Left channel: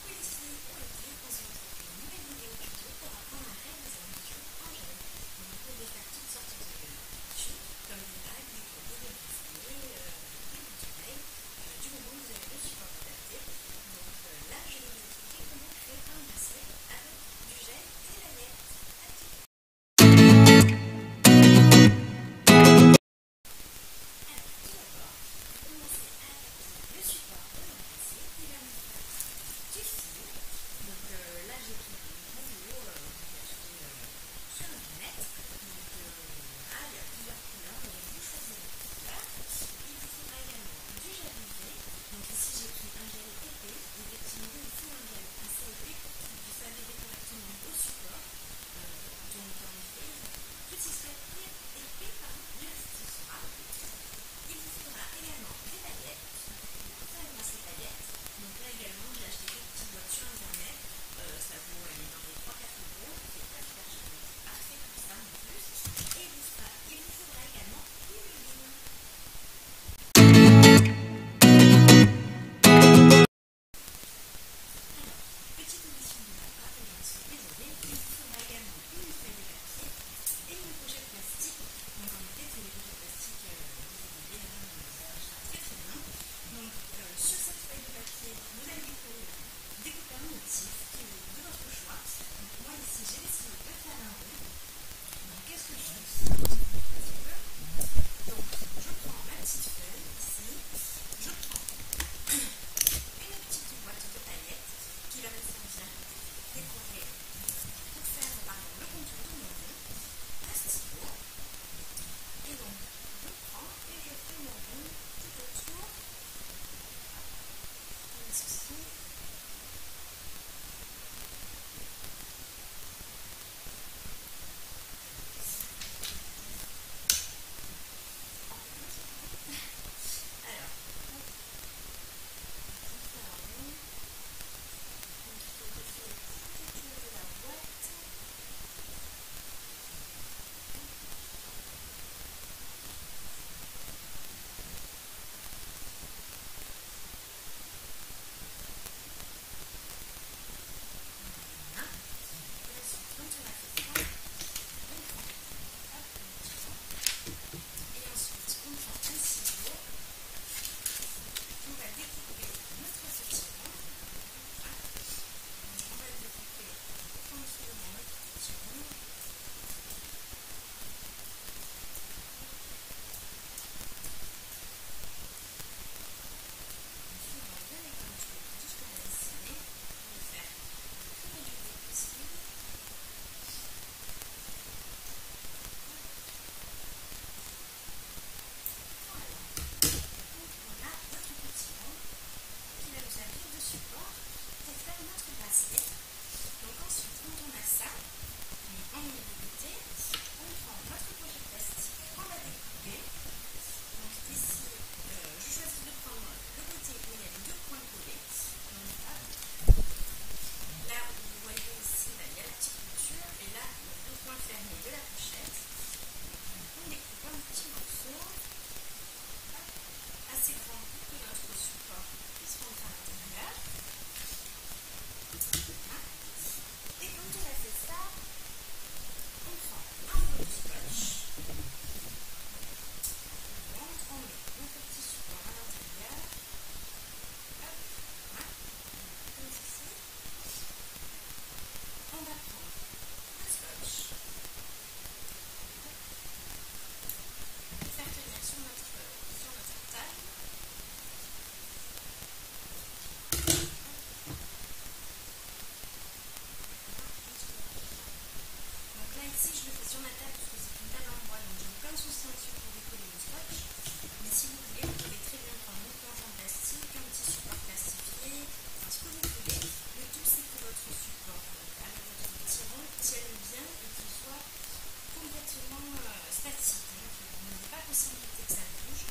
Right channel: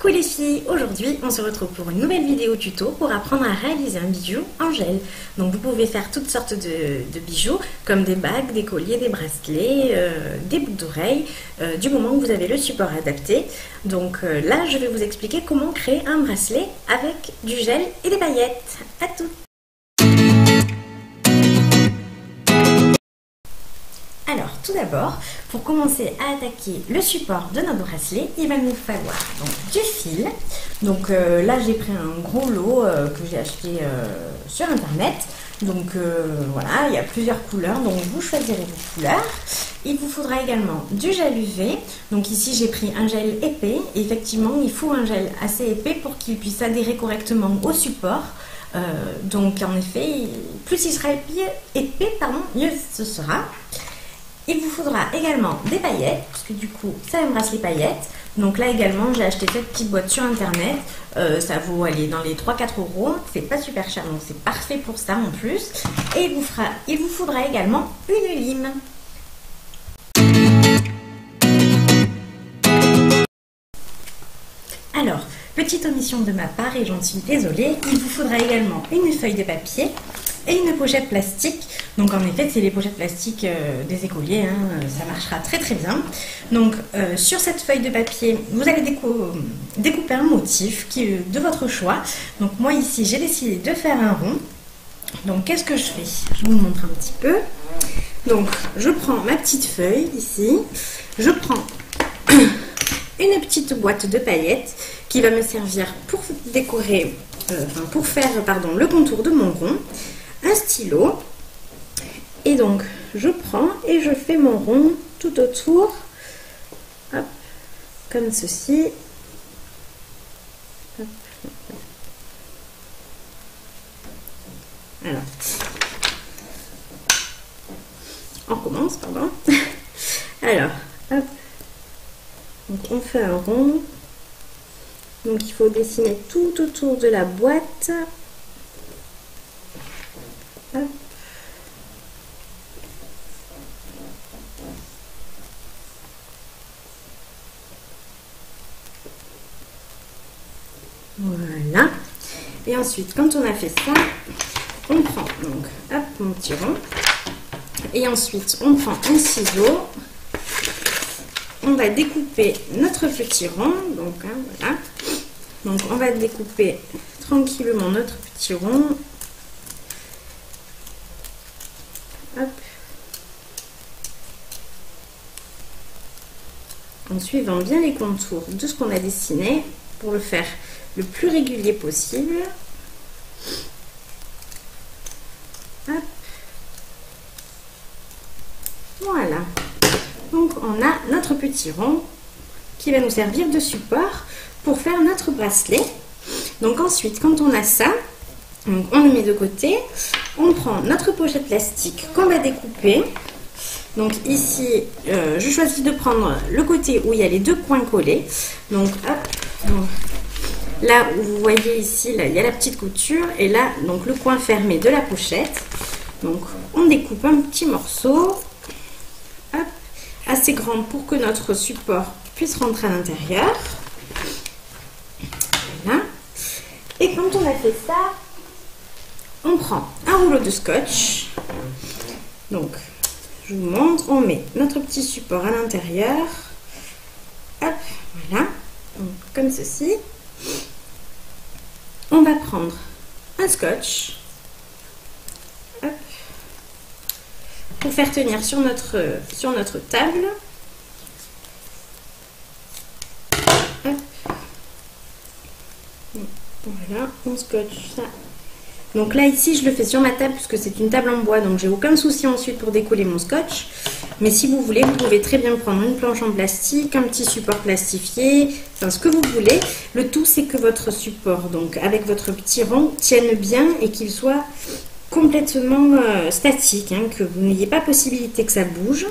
Coucou les filles, aujourd'hui on se retrouve pour une nouvelle vidéo tuto pour apprendre à réaliser un bijou en gel. Donc vous pouvez faire toutes sortes de bijoux comme des bagues, des colliers, des bracelets, des boucles d'oreilles, du moment que vous avez le support adapté. Donc là je vais vous expliquer comment créer un bracelet avec du gel et des paillettes. À tout! Alors, tout d'abord, pour commencer à attaquer le support de notre bracelet, il va nous falloir donc du fil. Donc là, j'ai pris un gros lot que j'ai acheté sur internet. Donc voilà, il y a plusieurs couleurs, donc vous choisirez vos couleurs. Il vous faudra également du gel UV. Donc ici, j'ai pris un gel épais. Et effectivement, il faut un gel assez épais pour qu'il puisse adhérer correctement au support. Donc en effet, plus il sera épais, mieux ce sera. Il vous faudra également des paillettes, parce que du coup, ça me bracelet paillettes. Donc là également, j'ai acheté cette petite boîte sur internet. Ça vaut aller dans les 3-4 €. C'est pas super cher, donc c'est parfait pour ça en plus. Et il vous faudra également une lime. Alors, petite omission de ma part et j'en suis désolée, il vous faudra également une feuille de papier et une pochette plastique. Donc en effet, c'est les pochettes plastiques des écoliers, hein, ça marchera très très bien. Donc sur cette feuille de papier, vous allez découper un motif qui est de votre choix. Donc moi ici, j'ai décidé de faire un rond. Donc qu'est-ce que je fais? Je vous montre un petit peu. Donc je prends ma petite feuille ici, je prends une petite boîte de paillettes qui va me servir pour décorer, pour faire le contour de mon rond, un stylo, et donc je prends et je fais mon rond tout autour, hop, comme ceci. Hop. Alors, on recommence, pardon. Alors, hop. Donc on fait un rond. Donc il faut dessiner tout autour de la boîte. Hop. Voilà. Et ensuite, quand on a fait ça, on prend donc hop, mon petit rond. Et ensuite, on prend un ciseau. On va découper notre petit rond. Donc voilà. Donc on va découper tranquillement notre petit rond. Hop. En suivant bien les contours de ce qu'on a dessiné pour le faire le plus régulier possible. Hop. Voilà. Donc on a notre petit rond qui va nous servir de support pour faire notre bracelet. Donc ensuite, quand on a ça, donc on le met de côté. On prend notre pochette plastique qu'on va découper. Donc ici, je choisis de prendre le côté où il y a les deux coins collés. Donc hop, donc, là où vous voyez ici, là, il y a la petite couture. Et là, donc le coin fermé de la pochette. Donc on découpe un petit morceau. Hop, assez grand pour que notre support puisse rentrer à l'intérieur. Voilà. Et quand on a fait ça, on prend un rouleau de scotch. Donc, je vous montre, on met notre petit support à l'intérieur. Hop, voilà. Donc, comme ceci. On va prendre un scotch. Hop. Pour faire tenir sur notre table. Hop. Voilà, on scotche ça. Donc là ici je le fais sur ma table puisque c'est une table en bois, donc j'ai aucun souci ensuite pour décoller mon scotch. Mais si vous voulez, vous pouvez très bien prendre une planche en plastique, un petit support plastifié, enfin ce que vous voulez. Le tout c'est que votre support, donc avec votre petit rond, tienne bien et qu'il soit complètement statique, hein, que vous n'ayez pas possibilité que ça bouge.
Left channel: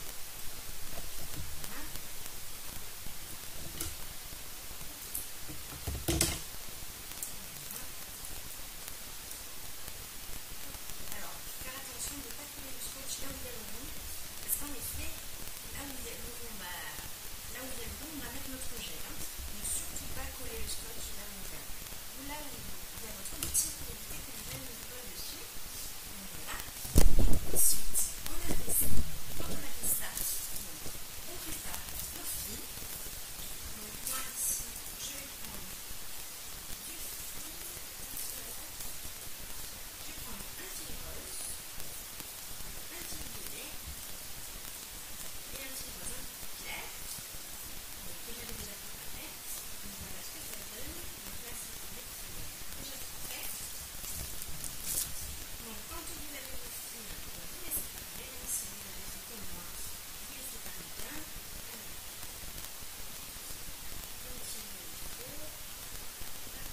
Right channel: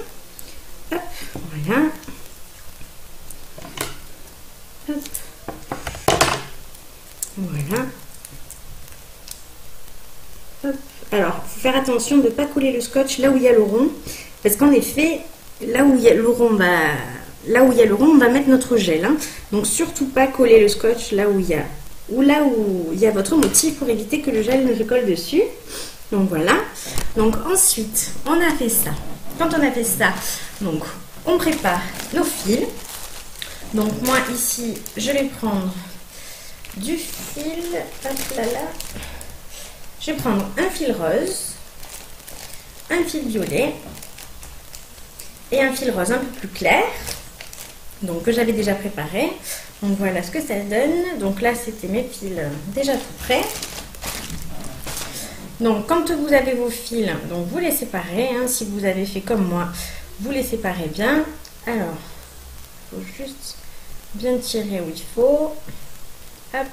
Hop, voilà. Hop. Voilà. Hop. Alors, il faut faire attention de ne pas coller le scotch là où il y a le rond. Parce qu'en effet, là où il y a le rond, là où il y a le rond, on va mettre notre gel. Hein. Donc surtout pas coller le scotch là où il y a, votre motif pour éviter que le gel ne se colle dessus. Donc voilà. Donc ensuite, on a fait ça. Quand on a fait ça, donc on prépare nos fils. Donc moi ici, je vais prendre du fil. Hop là là. Je vais prendre un fil rose, un fil violet et un fil rose un peu plus clair. Donc que j'avais déjà préparé. Donc voilà ce que ça donne. Donc là c'était mes fils déjà tout prêts. Donc quand vous avez vos fils, donc vous les séparez. Hein, si vous avez fait comme moi, vous les séparez bien. Alors, il faut juste bien tirer où il faut. Hop.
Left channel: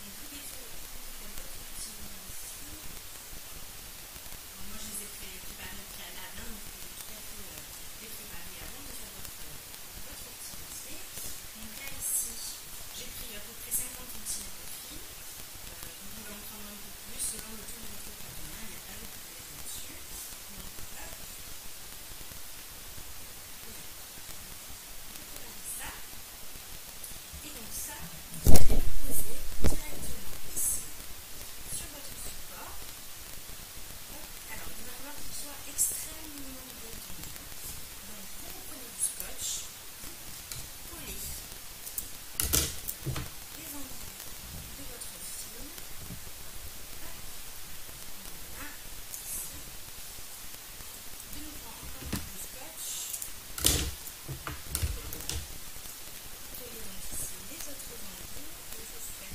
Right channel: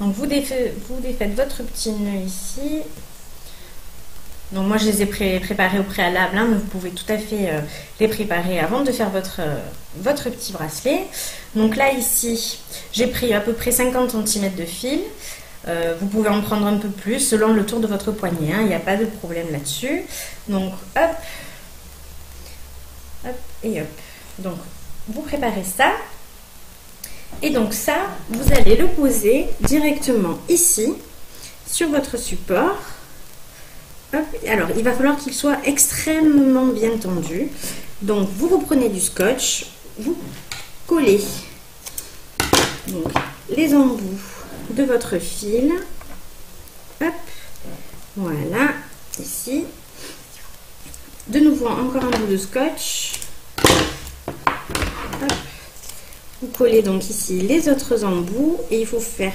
Donc vous défaites votre petit nœud ici. Donc moi je les ai préparés au préalable, hein, mais vous pouvez tout à fait les préparer avant de faire votre petit bracelet. Donc là ici, j'ai pris à peu près 50 cm de fil. Vous pouvez en prendre un peu plus selon le tour de votre poignet, hein, il n'y a pas de problème là-dessus. Donc hop, hop et hop. Donc vous préparez ça. Et donc ça, vous allez le poser directement ici, sur votre support. Hop. Alors, il va falloir qu'il soit extrêmement bien tendu. Donc, vous reprenez du scotch, vous collez donc, les embouts de votre fil. Hop. Voilà, ici. De nouveau, encore un bout de scotch. Hop. Vous collez donc ici les autres embouts et il faut faire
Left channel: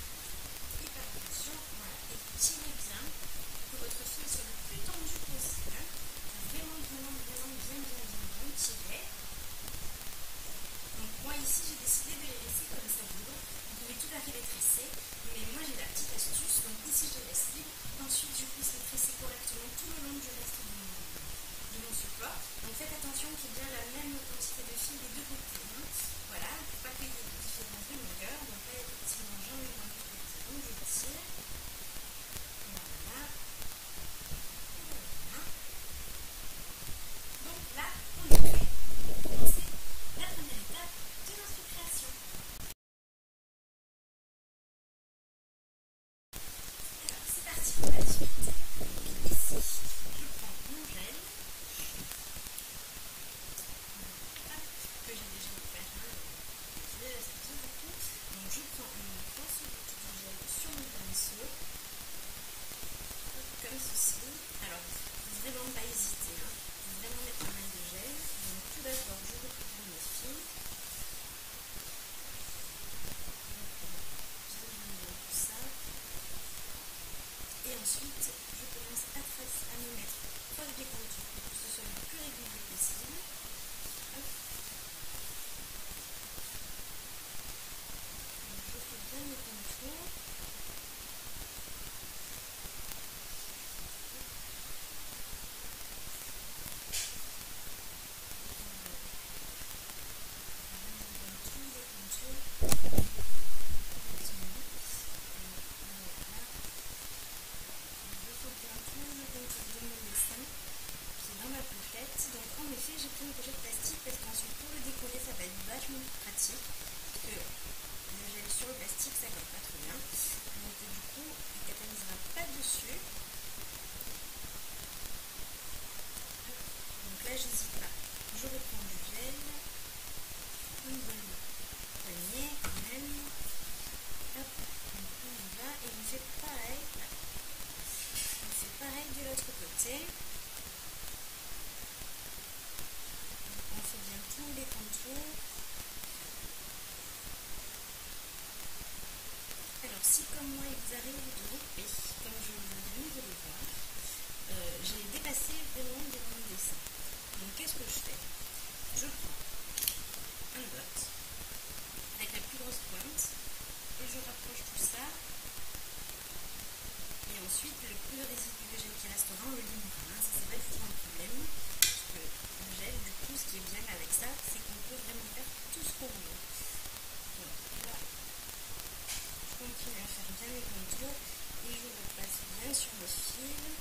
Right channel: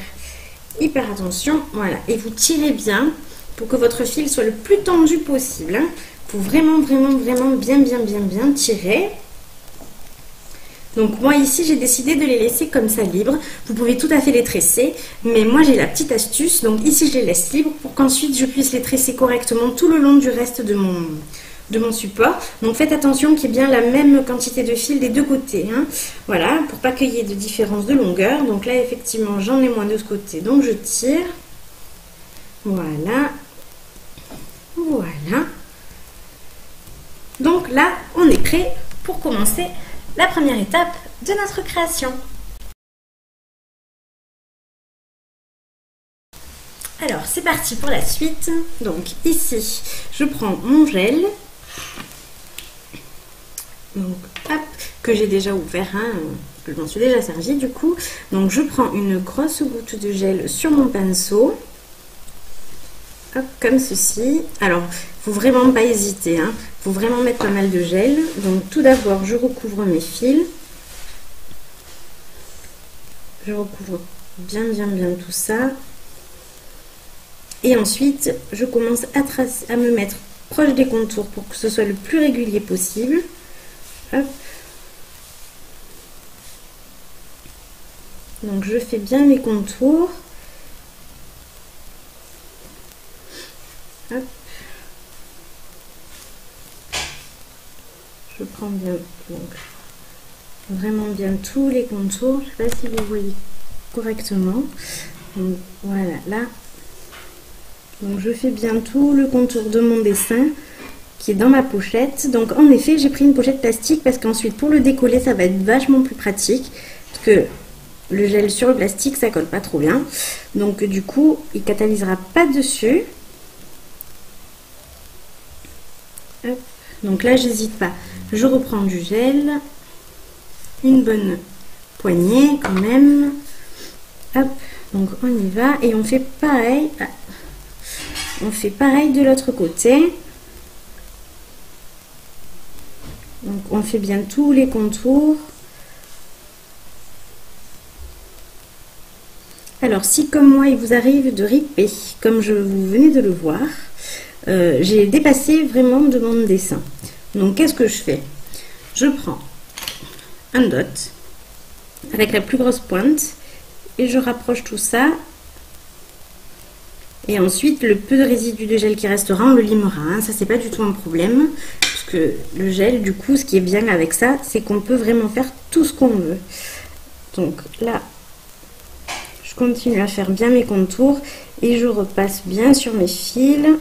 hyper attention. Voilà, et vous tirez bien pour que votre fil soit le plus tendu possible. Hein. Il faut vraiment bien tirer. Donc moi ici j'ai décidé de les laisser comme ça libres. Vous pouvez tout à fait les tresser, mais moi j'ai la petite astuce. Donc ici je les laisse libres pour qu'ensuite je puisse les tresser correctement tout le long du reste de mon support. Donc faites attention qu'il y ait bien la même quantité de fil des deux côtés. Hein. Voilà, pour pas qu'il y ait de différence de longueur. Donc là effectivement j'en ai moins de ce côté, donc je tire. Voilà. Voilà. Donc là on est prêt pour commencer la première étape de notre création. Alors c'est parti pour la suite. Donc ici je prends mon gel. Donc, hop, que j'ai déjà ouvert, hein, que je m'en suis déjà servi du coup. Donc je prends une grosse goutte de gel sur mon pinceau. Hop, comme ceci. Alors, faut vraiment pas hésiter, hein. Faut vraiment mettre pas mal de gel. Donc tout d'abord, je recouvre mes fils. Je recouvre bien tout ça. Et ensuite, je commence à me mettre proche des contours pour que ce soit le plus régulier possible. Hop. Donc je fais bien mes contours. Hop. Je prends bien donc, vraiment bien tous les contours. Je ne sais pas si vous voyez correctement. Donc voilà, là. Donc je fais bien tout le contour de mon dessin qui est dans ma pochette. Donc en effet j'ai pris une pochette plastique parce qu'ensuite pour le décoller ça va être vachement plus pratique parce que le gel sur le plastique ça colle pas trop bien, donc du coup il catalysera pas dessus. Hop. Donc là j'hésite pas, je reprends du gel, une bonne poignée quand même. Hop. Donc on y va et on fait pareil, de l'autre côté. Donc on fait bien tous les contours. Alors si comme moi il vous arrive de riper, comme vous venez de le voir, j'ai dépassé vraiment de mon dessin. Donc qu'est-ce que je fais? Je prends un dot avec la plus grosse pointe et je rapproche tout ça. Et ensuite, le peu de résidu de gel qui restera, on le limera. Hein. Ça, c'est pas du tout un problème. Parce que le gel, du coup, ce qui est bien avec ça, c'est qu'on peut vraiment faire tout ce qu'on veut. Donc là, je continue à faire bien mes contours. Et je repasse bien sur mes fils. Il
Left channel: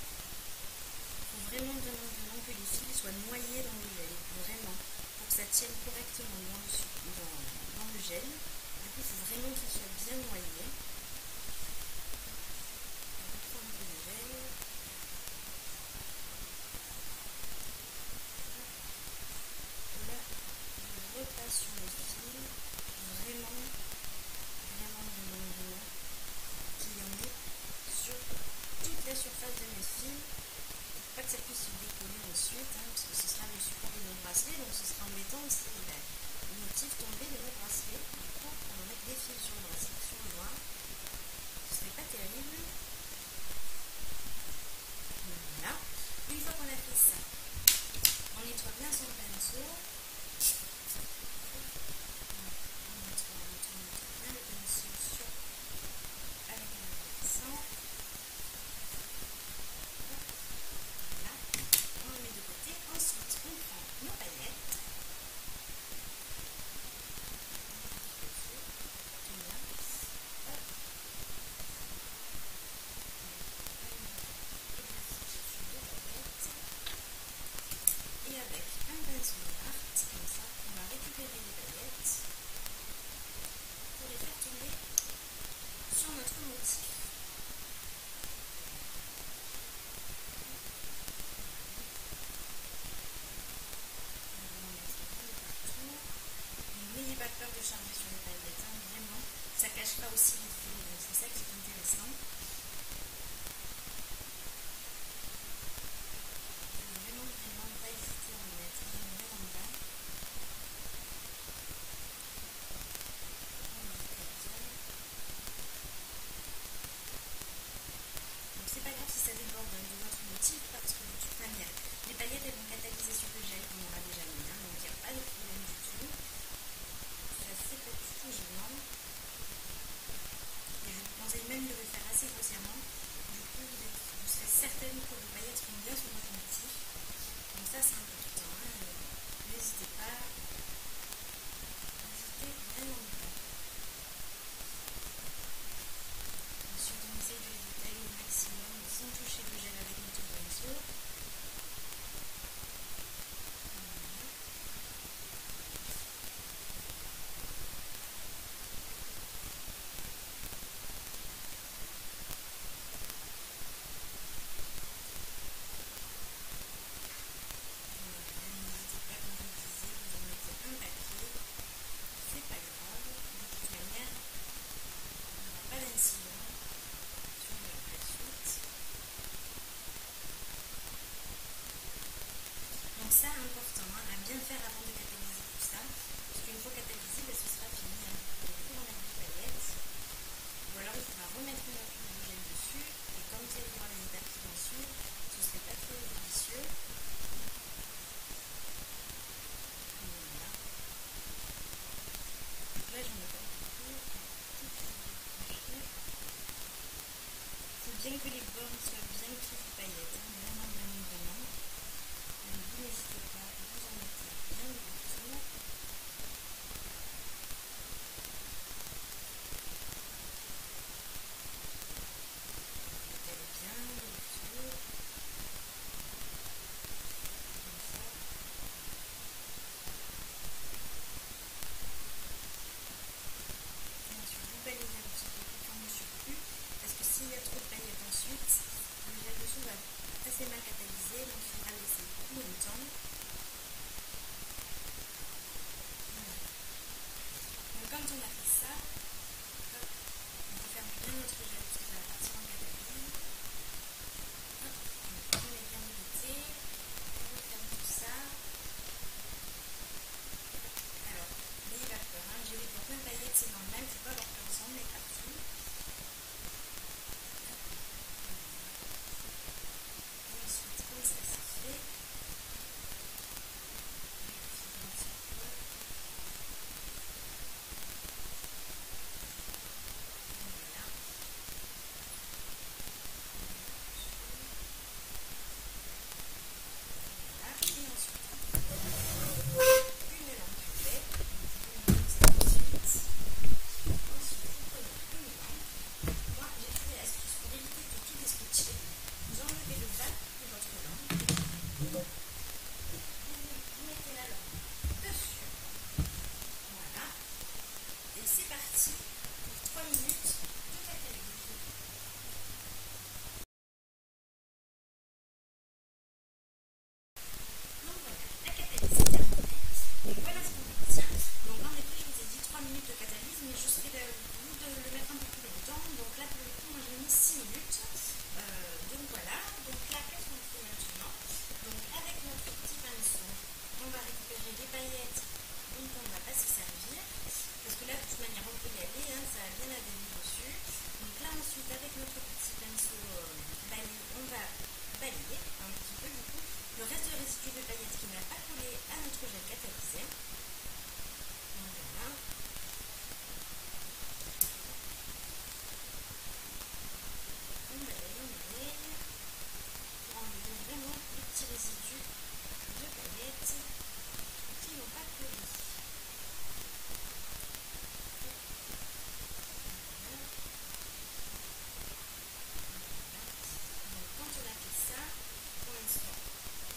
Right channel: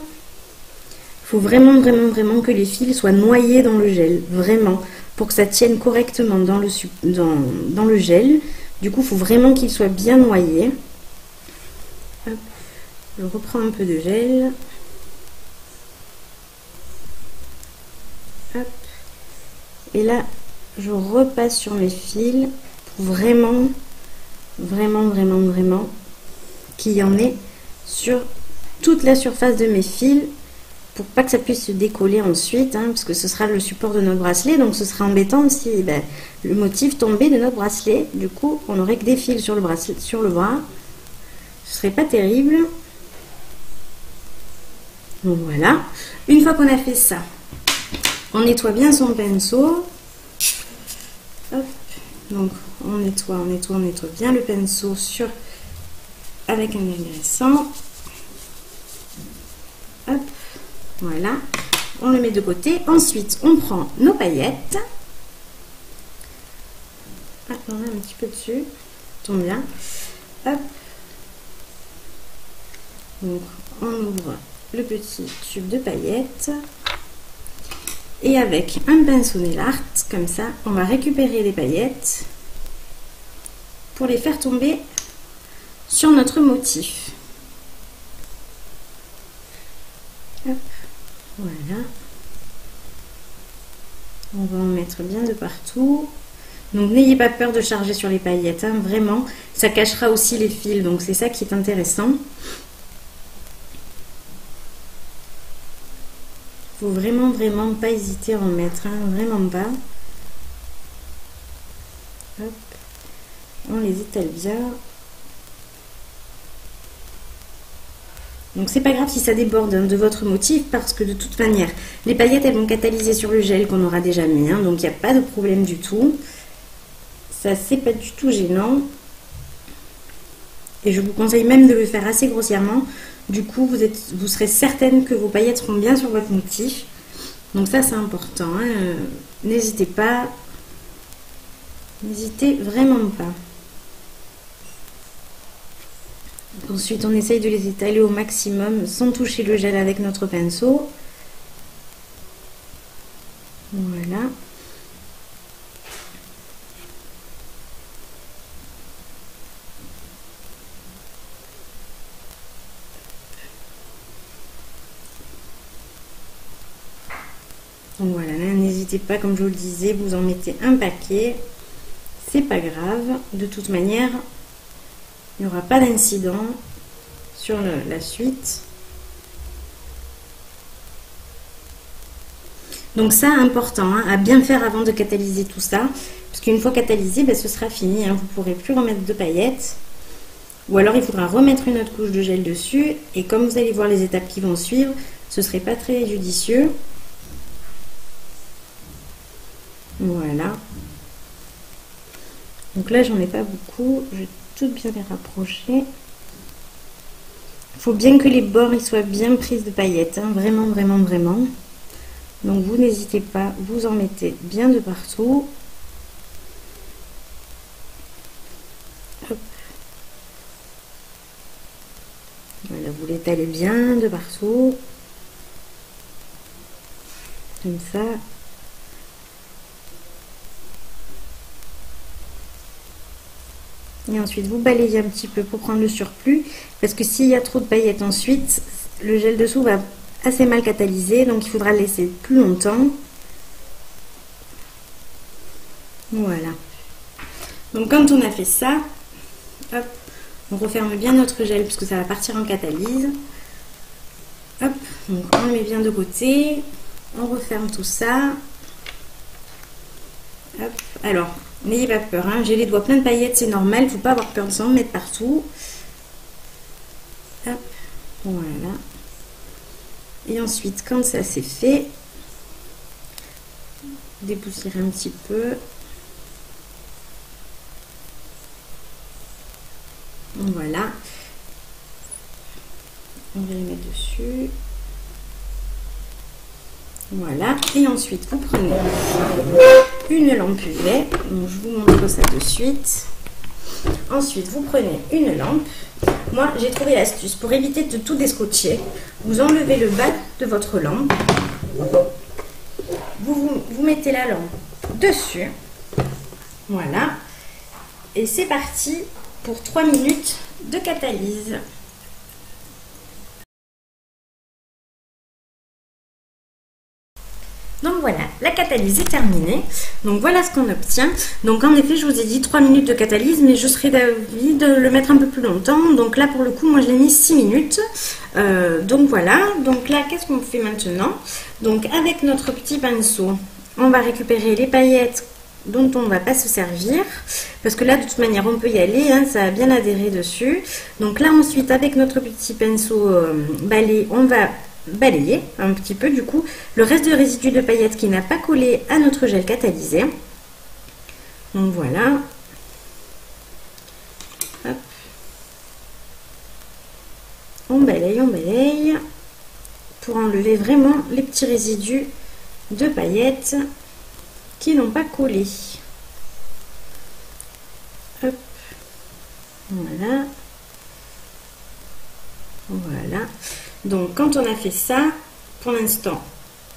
faut vraiment que les fils soient noyés dans le gel. Vraiment. pour que ça tienne correctement dans le gel. Du coup, il faut vraiment qu'il soit bien noyé. Hop, je reprends un peu de gel. Hop. Et là, je repasse sur mes fils pour vraiment qu'il y en ait sur toute la surface de mes fils pour pas que ça puisse se décoller ensuite, hein, parce que ce sera le support de notre bracelet, donc ce sera embêtant si le motif tombait de notre bracelet. Du coup, on n'aurait que des fils sur le bracelet, sur le bras. Ce serait pas terrible. Donc voilà. Une fois qu'on a fait ça, on nettoie bien son pinceau. Hop. Donc on nettoie bien le pinceau avec un agressant. Hop. Voilà, on le met de côté. Ensuite, on prend nos paillettes. Ah, on a un petit peu dessus. Tombe bien. Hop. Donc, on ouvre le petit tube de paillettes. Et avec un pinceau nail art, comme ça, on va récupérer les paillettes pour les faire tomber sur notre motif. Hop. Voilà, on va en mettre bien de partout. Donc n'ayez pas peur de charger sur les paillettes, hein, vraiment, ça cachera aussi les fils, donc c'est ça qui est intéressant. Faut vraiment pas hésiter à en mettre, hein, vraiment pas. Hop. On les étale bien. Donc c'est pas grave si ça déborde, hein, de votre motif, parce que de toute manière, les paillettes elles vont catalyser sur le gel qu'on aura déjà mis, hein, donc il n'y a pas de problème du tout. Ça c'est pas du tout gênant. Et je vous conseille même de le faire assez grossièrement. Du coup, vous serez certaine que vos paillettes seront bien sur votre motif. Donc ça c'est important, hein. N'hésitez pas. N'hésitez vraiment pas. Ensuite, on essaye de les étaler au maximum sans toucher le gel avec notre pinceau. Voilà. Donc voilà, n'hésitez pas, comme je vous le disais, vous en mettez un paquet. C'est pas grave. De toute manière, il n'y aura pas d'incident sur la suite. Donc ça, important, hein, à bien faire avant de catalyser tout ça. Parce qu'une fois catalysé, ce sera fini, hein, vous ne pourrez plus remettre de paillettes. Ou alors il faudra remettre une autre couche de gel dessus. Et comme vous allez voir les étapes qui vont suivre, ce ne serait pas très judicieux. Voilà. Donc là, j'en ai pas beaucoup. Je vais tout bien les rapprocher. Il faut bien que les bords ils soient bien pris de paillettes, hein, vraiment. Donc vous n'hésitez pas, vous en mettez bien de partout. Hop. Voilà, vous l'étalez bien de partout. Comme ça. Et ensuite, vous balayez un petit peu pour prendre le surplus. Parce que s'il y a trop de paillettes ensuite, le gel dessous va assez mal catalyser. Donc, il faudra le laisser plus longtemps. Voilà. Donc, quand on a fait ça, hop, on referme bien notre gel puisque ça va partir en catalyse. Hop, donc on le met bien de côté. On referme tout ça. Hop, alors... n'ayez pas peur, hein. J'ai les doigts pleins de paillettes, c'est normal, il ne faut pas avoir peur de s'en mettre partout. Hop, voilà. Et ensuite, quand ça c'est fait, dépoussiérer un petit peu. Voilà. On va les mettre dessus. Voilà. Et ensuite, vous prenez une lampe UV. Donc, je vous montre ça de suite. Ensuite, vous prenez une lampe. Moi, j'ai trouvé l'astuce pour éviter de tout descotcher. Vous enlevez le bas de votre lampe. Vous mettez la lampe dessus. Voilà. Et c'est parti pour 3 minutes de catalyse. Donc voilà, la catalyse est terminée. Donc voilà ce qu'on obtient. Donc en effet, je vous ai dit 3 minutes de catalyse, mais je serais d'avis de le mettre un peu plus longtemps. Donc là, pour le coup, moi je l'ai mis 6 minutes. Donc voilà. Donc là, qu'est-ce qu'on fait maintenant? Donc avec notre petit pinceau, on va récupérer les paillettes dont on ne va pas se servir. Parce que là, de toute manière, on peut y aller. Hein, ça a bien adhéré dessus. Donc là, ensuite, avec notre petit pinceau balai, on va balayer un petit peu du coup le reste de résidu de paillettes qui n'a pas collé à notre gel catalysé. Donc voilà. Hop. On balaye pour enlever vraiment les petits résidus de paillettes qui n'ont pas collé. Hop. Voilà. Voilà. Donc quand on a fait ça, pour l'instant,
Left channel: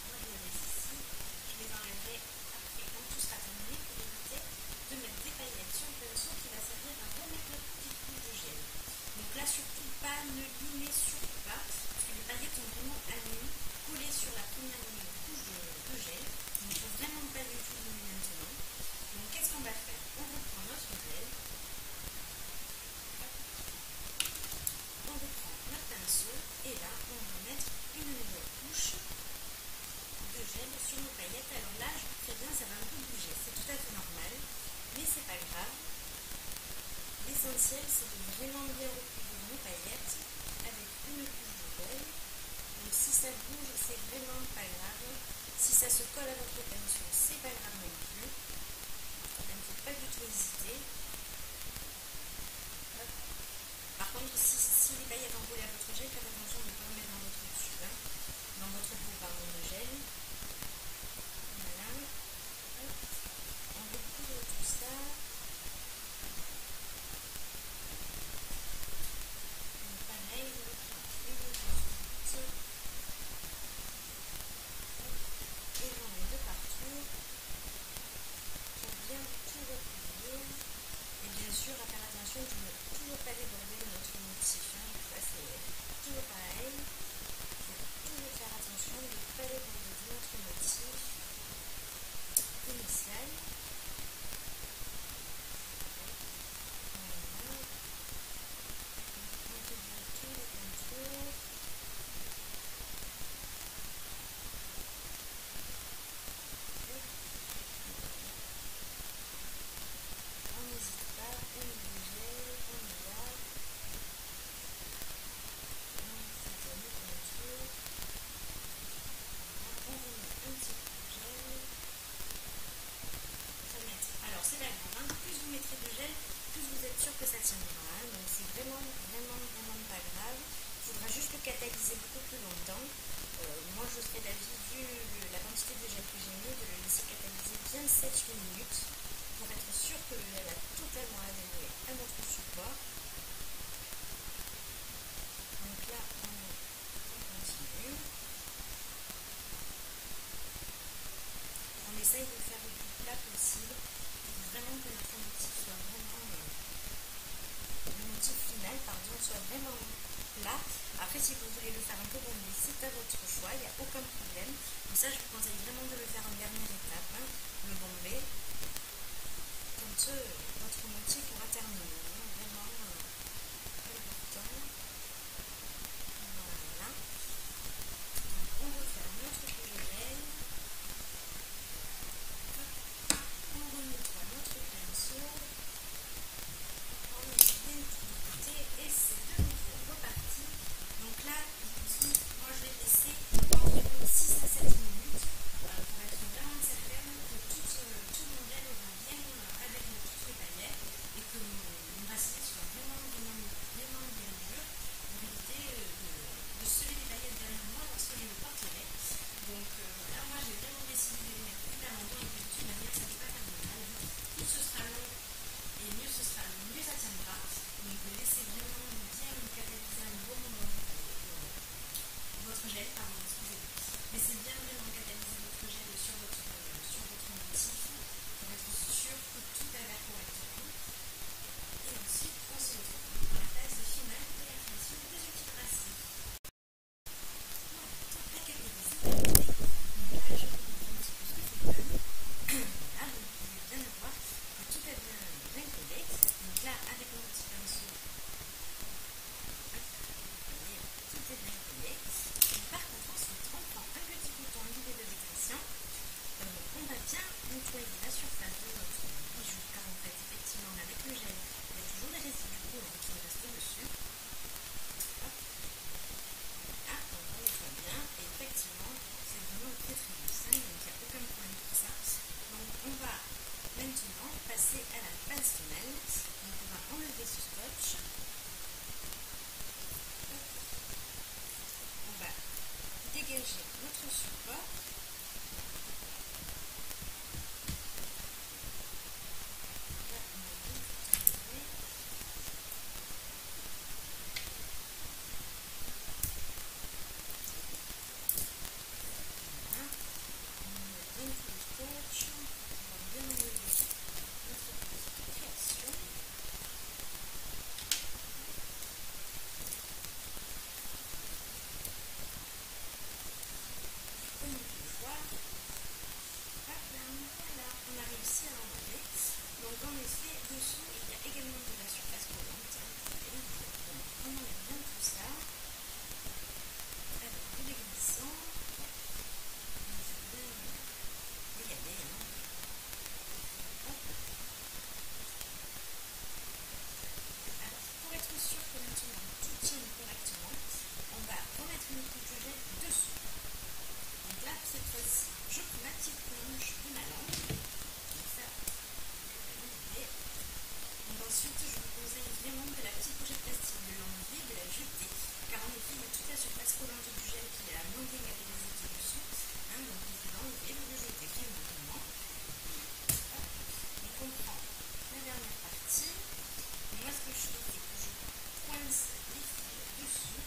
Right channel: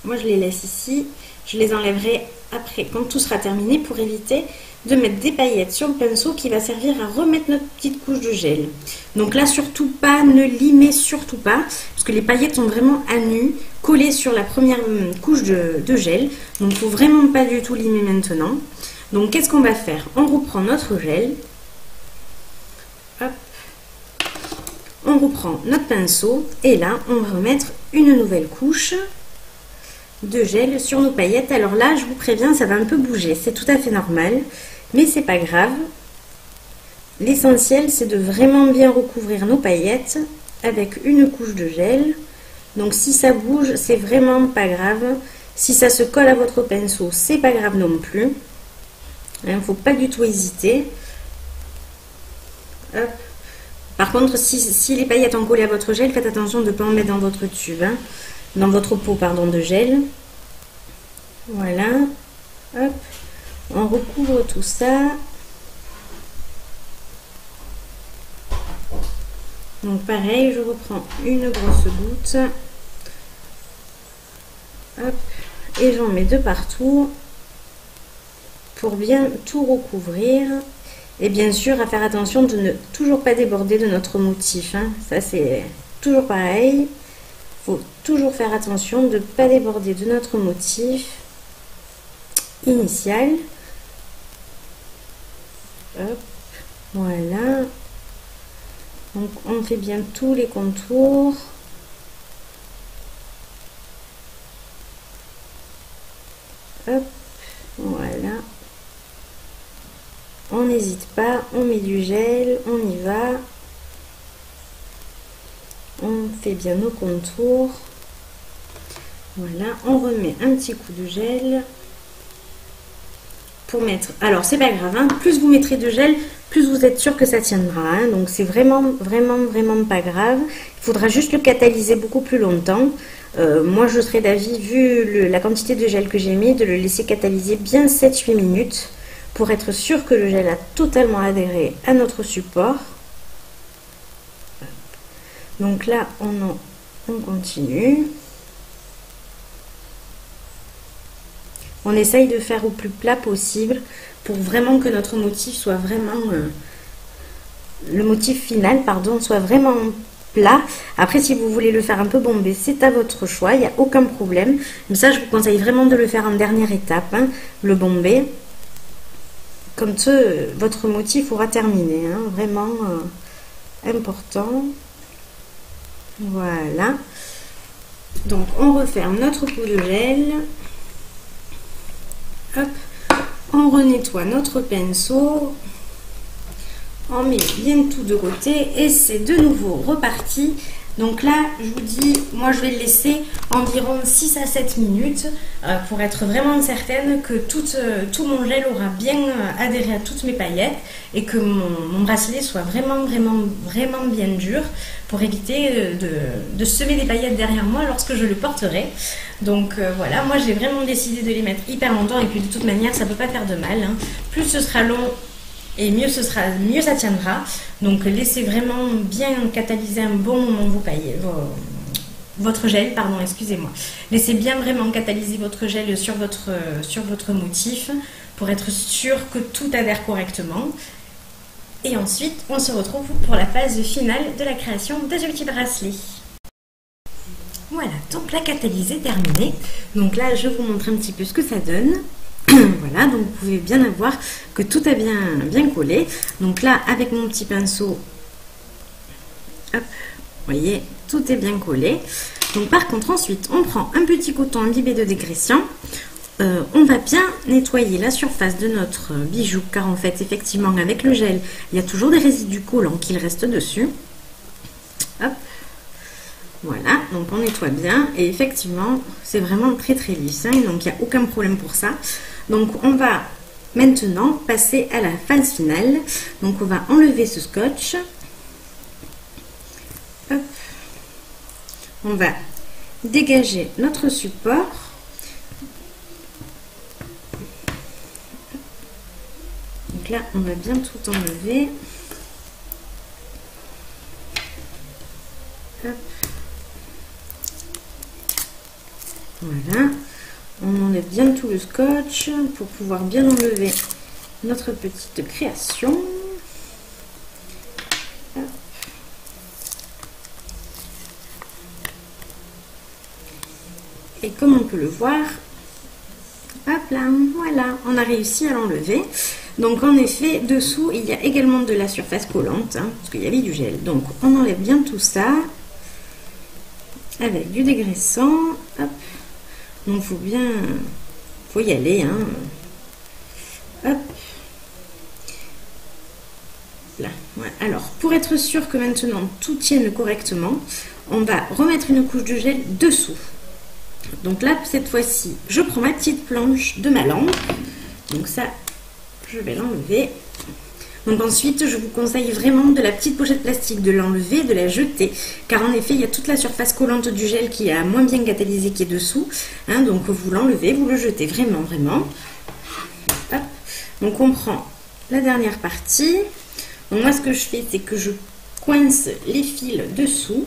moi je les laisse ici. Je les enlèverai après quand tout sera terminé pour éviter de mettre des paillettes sur le pinceau qui va servir à remettre notre petite couche de gel. Donc là surtout pas, ne limez surtout pas, parce que les paillettes sont vraiment à nu, collées sur la première couche de gel. Donc il ne faut vraiment pas du tout limer maintenant. Donc qu'est-ce qu'on va faire? On reprend notre gel. Hop. On reprend notre pinceau et là on va remettre une nouvelle couche de gel sur nos paillettes. Alors là je vous préviens, ça va un peu bouger, c'est tout à fait normal, mais c'est pas grave. L'essentiel c'est de vraiment bien recouvrir nos paillettes avec une couche de gel. Donc si ça bouge, c'est vraiment pas grave. Si ça se colle à votre pinceau, c'est pas grave non plus. Il ne faut pas du tout hésiter. Hop. Par contre, si les paillettes ont collé à votre gel, faites attention de ne pas en mettre dans votre tube, hein, dans votre pot pardon, de gel. Voilà. Hop. On recouvre tout ça. Donc pareil, je reprends une grosse goutte. Hop. Et j'en mets de partout pour bien tout recouvrir. Et bien sûr, à faire attention de ne toujours pas déborder de notre motif. Hein. Ça, c'est toujours pareil. Il faut toujours faire attention de ne pas déborder de notre motif initial. Hop, voilà. Donc, on fait bien tous les contours. Hop, voilà. On n'hésite pas, on met du gel, on y va. On fait bien nos contours. Voilà, on remet un petit coup de gel. Pour mettre... Alors, c'est pas grave, hein, plus vous mettrez de gel, plus vous êtes sûr que ça tiendra. Hein, donc, c'est vraiment pas grave. Il faudra juste le catalyser beaucoup plus longtemps. Moi, je serais d'avis, vu la quantité de gel que j'ai mis, de le laisser catalyser bien 7-8 minutes. Pour être sûr que le gel a totalement adhéré à notre support. Donc là, on continue. On essaye de faire au plus plat possible pour vraiment que notre motif soit vraiment... le motif final, pardon, soit vraiment plat. Après, si vous voulez le faire un peu bombé, c'est à votre choix, il n'y a aucun problème. Mais ça, je vous conseille vraiment de le faire en dernière étape, hein, le bombé. Comme ça, votre motif aura terminé, hein, vraiment important. Voilà. Donc, on referme notre pot de gel. Hop. On renettoie notre pinceau. On met bien tout de côté et c'est de nouveau reparti. Donc là, je vous dis, moi je vais le laisser environ 6 à 7 minutes pour être vraiment certaine que tout mon gel aura bien adhéré à toutes mes paillettes et que mon bracelet soit vraiment bien dur pour éviter de semer des paillettes derrière moi lorsque je le porterai. Donc voilà, moi j'ai vraiment décidé de les mettre hyper longtemps et puis de toute manière ça ne peut pas faire de mal. Hein. Plus ce sera long et mieux ça tiendra. Donc laissez vraiment bien catalyser un bon moment votre gel, pardon, excusez-moi. Laissez bien vraiment catalyser votre gel sur votre motif pour être sûr que tout adhère correctement. Et ensuite, on se retrouve pour la phase finale de la création de ce petit bracelet. Voilà, donc la catalyse est terminée. Donc là, je vous montre un petit peu ce que ça donne. Voilà, donc vous pouvez bien voir que tout a bien collé. Donc là, avec mon petit pinceau, hop, vous voyez, tout est bien collé. Donc par contre, ensuite, on prend un petit coton imbibé de dégréciant. On va bien nettoyer la surface de notre bijou, car en fait, effectivement, avec le gel, il y a toujours des résidus collants qui restent dessus. Hop. Voilà, donc on nettoie bien et effectivement, c'est vraiment très très lisse, hein, donc il n'y a aucun problème pour ça. Donc on va maintenant passer à la phase finale. Donc on va enlever ce scotch. Hop. On va dégager notre support. Donc là, on va bien tout enlever. Hop. Voilà. On enlève bien tout le scotch pour pouvoir bien enlever notre petite création. Hop. Et comme on peut le voir, hop là, voilà, on a réussi à l'enlever. Donc en effet, dessous, il y a également de la surface collante, hein, parce qu'il y avait du gel. Donc on enlève bien tout ça avec du dégraissant. Hop. Donc faut y aller, hein. Hop. Là. Voilà. Alors, pour être sûr que maintenant tout tienne correctement, on va remettre une couche de gel dessous. Donc là, cette fois-ci, je prends ma petite planche de ma lampe. Donc ça, je vais l'enlever. Donc ensuite, je vous conseille vraiment de la petite pochette plastique, de l'enlever, de la jeter. Car en effet, il y a toute la surface collante du gel qui a moins bien catalysé qui est dessous. Hein, donc vous l'enlevez, vous le jetez vraiment, vraiment. Hop. Donc on prend la dernière partie. Donc moi, ce que je fais, c'est que je coince les fils dessous.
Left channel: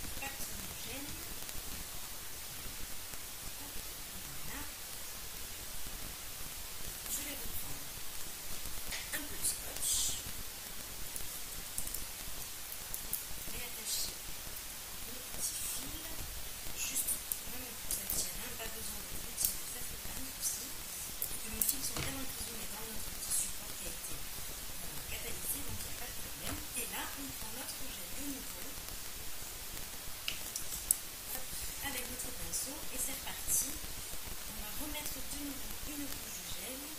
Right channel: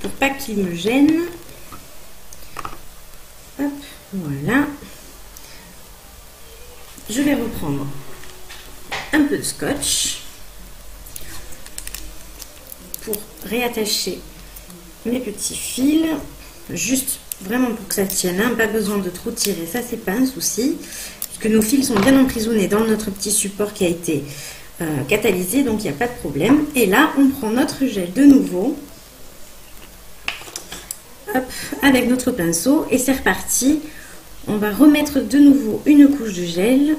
Pour pas qu'ils me gênent. Hop, voilà. Je vais reprendre un peu de scotch pour réattacher mes petits fils, juste vraiment pour que ça tienne, hein, pas besoin de trop tirer, ça c'est pas un souci, puisque nos fils sont bien emprisonnés dans notre petit support qui a été catalysé, donc il n'y a pas de problème. Et là, on prend notre gel de nouveau, hop, avec notre pinceau, et c'est reparti. On va remettre de nouveau une couche de gel.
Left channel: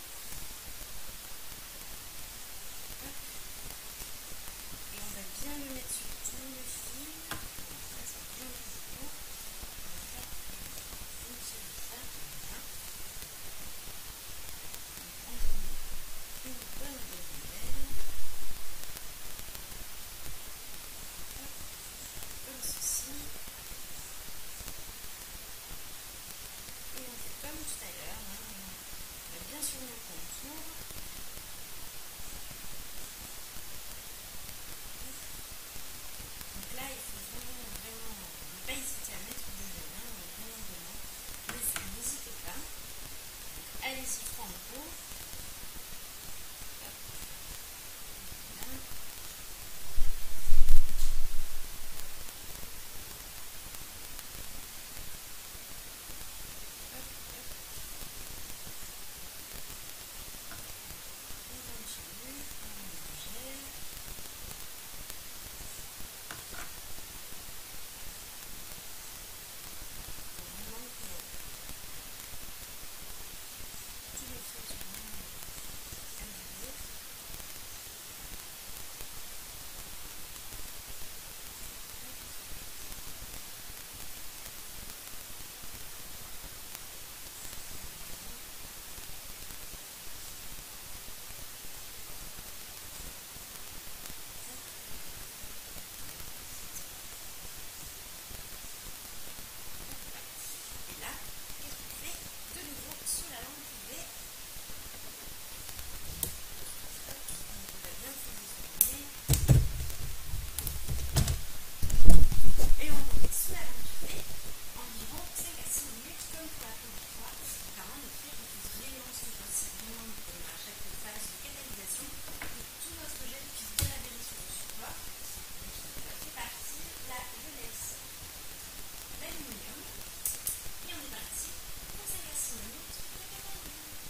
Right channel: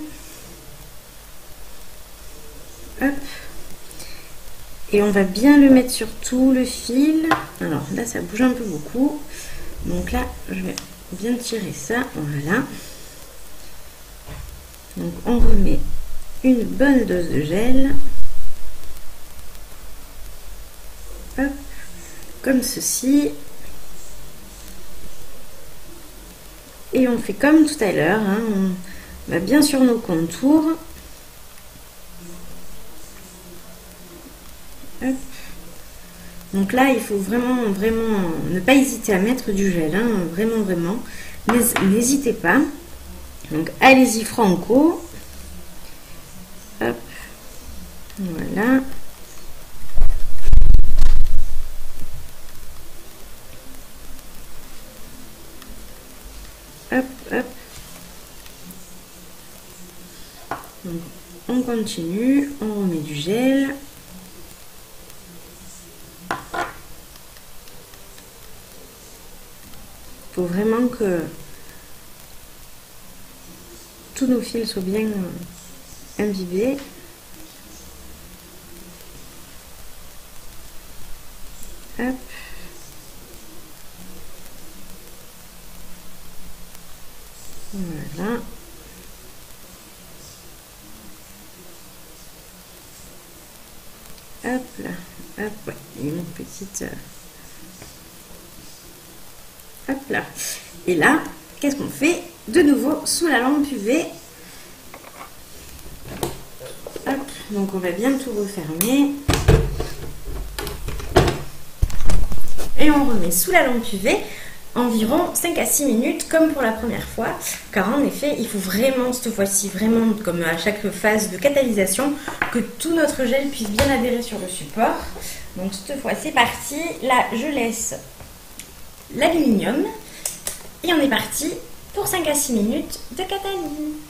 Hop. Et on va bien le mettre sur tout le fil. Alors là, ça bouge un peu beaucoup. Donc là, je vais bien tirer ça. Voilà. Donc on remet une bonne dose de gel. Hop. Comme ceci. Et on fait comme tout à l'heure, hein, on va bien sur nos contours. Hop. Donc là, il faut vraiment ne pas hésiter à mettre du gel, hein, vraiment. N'hésitez pas. Donc allez-y franco. Hop. Voilà. Hop, hop. Donc, on continue, on remet du gel. Il faut vraiment que tous nos fils soient bien imbibés. Hop. Voilà. Hop là. Hop, ouais. Une petite... Hop là. Et là, qu'est-ce qu'on fait? De nouveau, sous la lampe UV. Hop. Donc, on va bien tout refermer. et on remet sous la lampe UV environ 5 à 6 minutes comme pour la première fois, car en effet il faut vraiment cette fois-ci, vraiment comme à chaque phase de catalysation, que tout notre gel puisse bien adhérer sur le support. Donc cette fois c'est parti, là je laisse l'aluminium et on est parti pour 5 à 6 minutes de catalyse.